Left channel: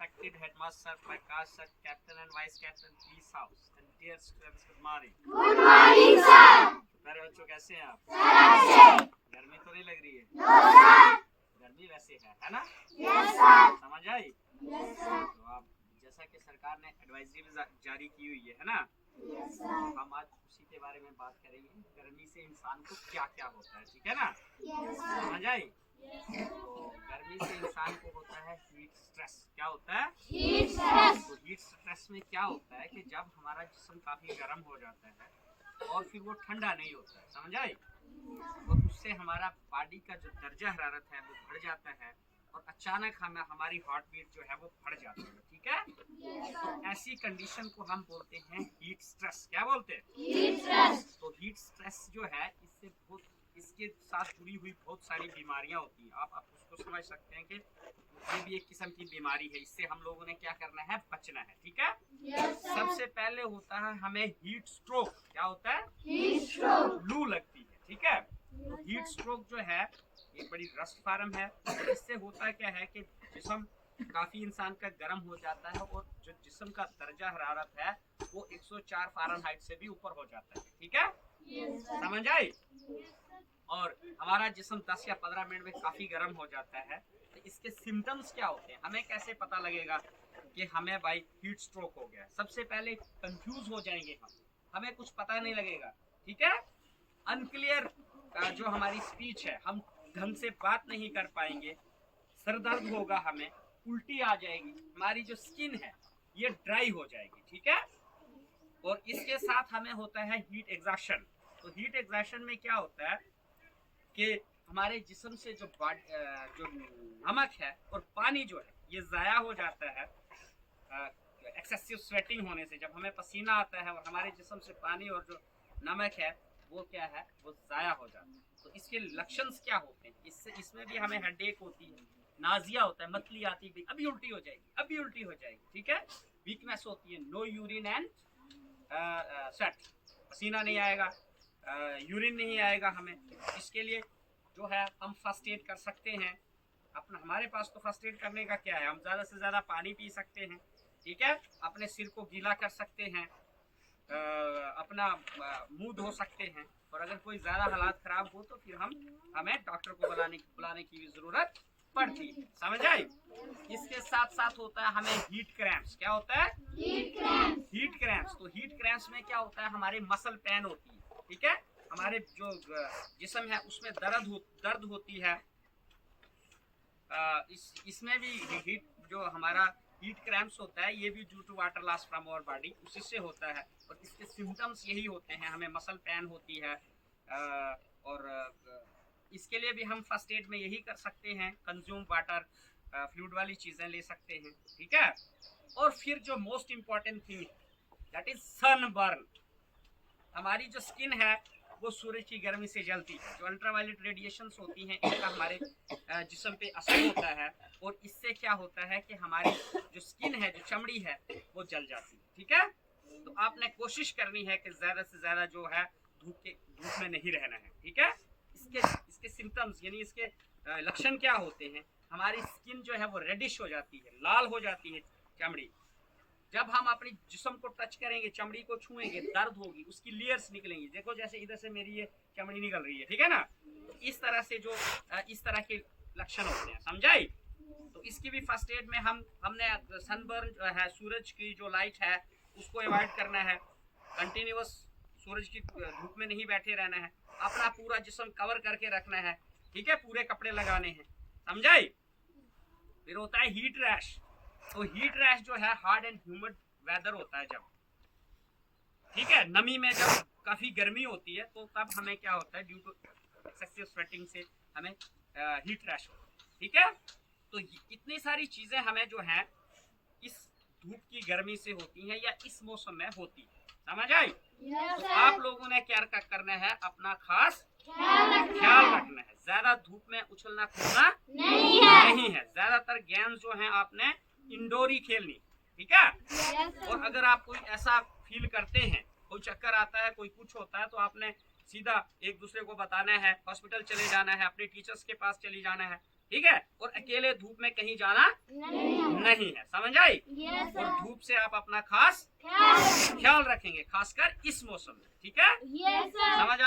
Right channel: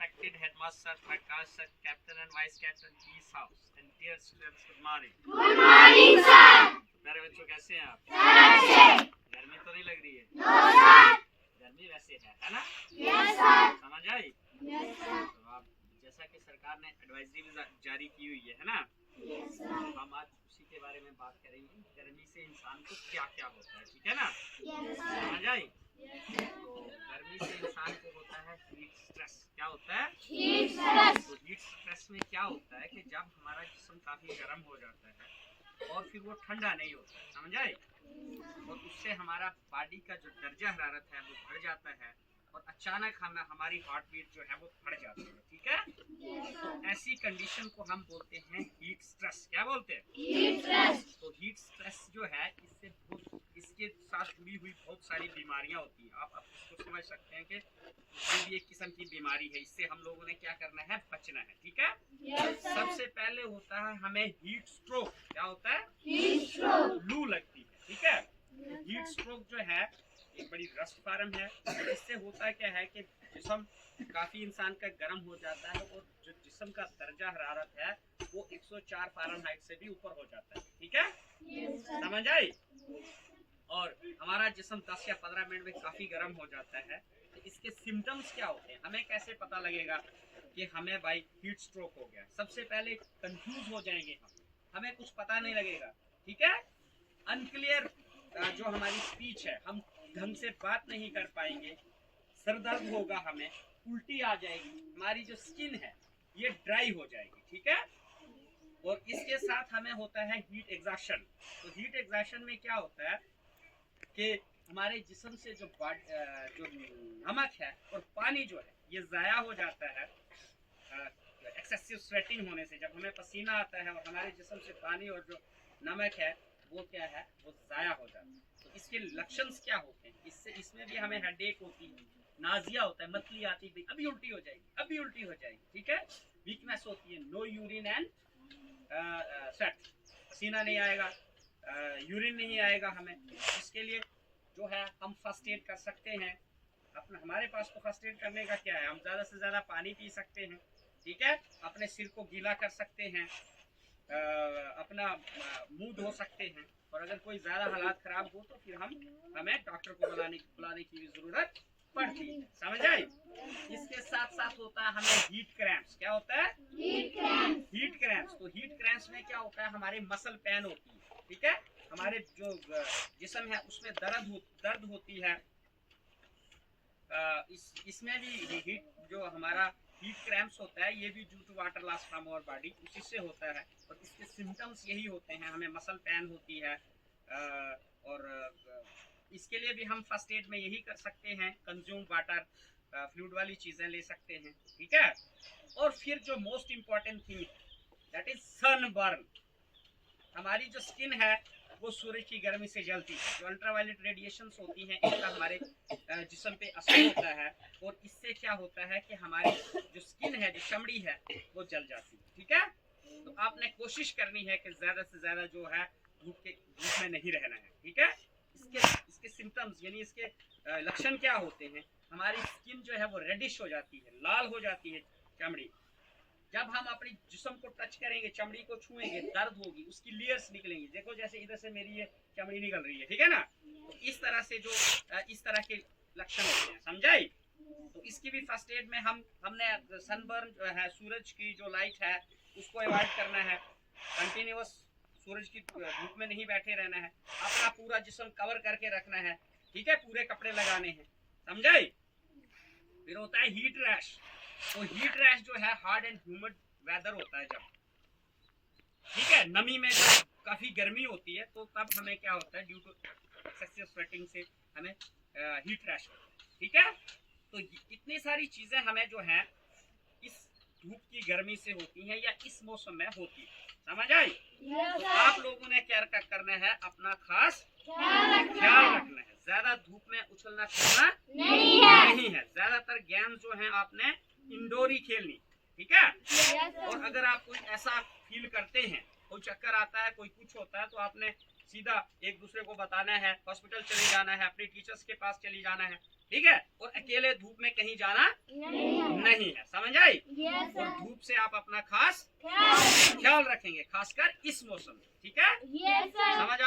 respected headmaster Prakash sir, captain and vice captain Peace House, and dear students, good morning. Good morning sir. प्यारे बच्चों, कैसे हैं आप? Sir गर्मी तो नहीं लग रही है? No sir. गर्मी वैसे है ना? Yes sir. समझ आई? Yes sir. तो आप जैसा कि सरकार ने एडवाइजरी भी जारी की हुई है ना? Yes sir. हम आज उसी के बारे में बात करेंगे, गर्मी से इंसान को क्या क्या होता है, ठीक है ना? Yes sir. समझ आई? तो गर्मी से इंसान को होता है हीट स्ट्रेस। क्या होता है? Heat stress. तो हीट स्ट्रेस में क्या होता है कि जब हमारा जिस्म काफी गर्म हो जाता है और फिर वो ठंडा नहीं होता है, समझ आई? और उससे हमारा बॉडी का जो दर्जा हरारत है वो बढ़ जाता है और अचानक हमारी हार्ट बीट जो है वो बढ़ जाती है, ठीक है? तो ऐसी कंडीशन को हम बोलते हैं हीट स्ट्रेस। क्या बोलते हैं? Heat stress. तो हीट स्ट्रेस जो है इसके साथ जुड़ी हुई बहुत सारी बीमारियां होती हैं। आप उसको समझ सकते हैं कि ये भी एक किस्म की बीमारी है। इससे हम लोगों ने क्या करना है? बचना है, ठीक है? सबसे पहले होता है हमें हीट स्ट्रोक। क्या होता है? Heat stroke. लू लगती है, ठीक है? तो हीट स्ट्रोक जो है एक बड़ी रस्ट फार्म है। इससे होता क्या है कि जिस्म काफी इंसान का गर्म हो जाता है और जो जिस्म का दर्जा हरारत है वो 104 फ़ारेनहाइट से भी ऊपर हो जाता है, ठीक है? समझ आई? और हमारा जिस्म 10 या 15 मिनट में काफी गर्म हो जाता है। तो इसके सिम्टम्स क्या होते हैं? हमें कैसे पता लगेगा कि हमें भाई हीट स्ट्रोक हो गया? सबसे पहले कंफ्यूज हो जाएंगे हमें कुछ पता नहीं लगेगा, ठीक है? अनक्लियर जो हमारी स्पीच है, हम ढंग से बात नहीं कर पाएंगे, सर दर्द होगा, हमें उल्टी आ जाएगी, हमारी जो स्किन है ये ड्राई हो जाएगी, ठीक है? और इसके साथ हमें होता है हीट एग्जॉशन। तो हीट एग्जॉशन में क्या होता है कि हमारे जिस्म से जो नमक है और पानी जो है ये ज़ाया हो जाता है एक्सेसिव स्वेटिंग होने से। जब हमें पसीना आता है और हमारे जिस्म से पानी और जो नमक है वो क्या है? वो ज़ाया हो जाता है। तो इसके लक्षण क्या होते हैं? इसमें भी हमें हेडेक होती है, नाजिया होता है, मतली आती है, अभी उल्टी हो जाएगी, अभी उल्टी हो जाएगी, ठीक है? वीकनेस होती है, नो यूरिन एंड स्वेट, पसीना नहीं आएगा, यूरिन नहीं आएगा हमें। इसके लिए जो है हम फर्स्ट एड कर सकते हैं। हमारे पास तो फर्स्ट एड करने का क्या है? हम ज़्यादा से ज़्यादा पानी पी सकते हैं, ठीक है? अपने सिर को गीला कर सकते हैं, अपना मुंह धो सकते हैं। और अगर कोई ज़्यादा हालात ख़राब हो तो फिर हमें डॉक्टर को बुलाने की ज़रूरत पड़ती है, समझ आई? इसके साथ साथ होता है हमें हीट क्रैम्प्स। क्या होता है? Heat cramps. Heat cramps. तो हीट क्रैम्प्स में क्या होता है? हमारे मसल पेन होती है, ठीक है? हमारे जो जिस्म है उसमें दर्द होती है। इसमें भी हीट जो हमारा हीट क्रैम्प्स होता है ये भी due to water loss from our body, उसी से होता है। और इसके सिम्टम्स यही होते हैं, हमें मसल पेन होती है। और इसके लिए भी हम फर्स्ट एड में यही कर सकते हैं, कंज्यूम वाटर, फ्लूइड वाली चीज़ें ले सकते हैं, ठीक है? और फिर जो most important thing that is sunburn. हमारी जो स्किन है वो सूरज की गर्मी से जलती है। जो अल्ट्रावायलेट रेडिएशंस होती हैं इनका हमारे जिस्म पे असर होता है और इससे क्या होता है कि हमारी जो स्किन है, जो चमड़ी है वो जल जाती है, ठीक है? तो आपने कोशिश करनी है कि ज़्यादा से ज़्यादा जो है धूप में नहीं रहना है, ठीक है? इसके सिम्टम्स यानी इसके लक्षण क्या होते हैं? हमारी स्किन जो है वो रेडिश हो जाती है, लाल हो जाती है चमड़ी। जब हम अपनी जिस्म को टच करेंगे, चमड़ी को छुएंगे, दर्द होगी, उसकी लेयर्स निकलेंगी। देखो जैसे इधर से मेरी ये चमड़ी निकल रही है, ठीक है ना? तो इस तरह से जो इस तरह के लक्षण होते हैं, समझाई? तो इसकी भी फर्स्ट एड में हमने सनबर्न जो है, सूरज की जो लाइट है उसको अवॉइड करना है, कंटिन्यूअस सूरज की धूप में नहीं बैठे रहना है, अपना पूरा जिस्म कवर करके रखना है, ठीक है? पूरे कपड़े लगाने हैं, समझाई? फिर होता है हीट रैश। तो हीट रैश जो है हार्ड एंड ह्यूमिड वेदर होता है जब, ठीक है? नमी में जब काफी गर्मी होती है तो तब हमें क्या होता है? ड्यू टू एक्सेसिव स्वेटिंग से हमें हीट रैश होता है, ठीक है? तो इतनी सारी चीजें हमें जो है इस धूप की गर्मी से होती हैं या इस मौसम में होती है, समझ आई? तो आप लोगों ने क्या करना है? अपना खास ख्याल रखना है। ज्यादा धूप में उछलना कूदना नहीं है। ज्यादातर गेम जो है आपने इंडोर ही खेलनी, ठीक है? और अगर आप कोई ऐसा फील करते हैं, कोई चक्कर आता है, कोई कुछ होता है, तो आपने सीधा एक दूसरे को बताना है, हॉस्पिटल चले जाना है, अपने टीचर्स के पास चली जाना है, ठीक है? और अकेले धूप में कहीं जाना नहीं है, समझ आई। Yes, और sir. धूप से आप अपना खास Yes, ख्याल रखेंगे, खासकर इस मौसम में, ठीक है। sir. समझ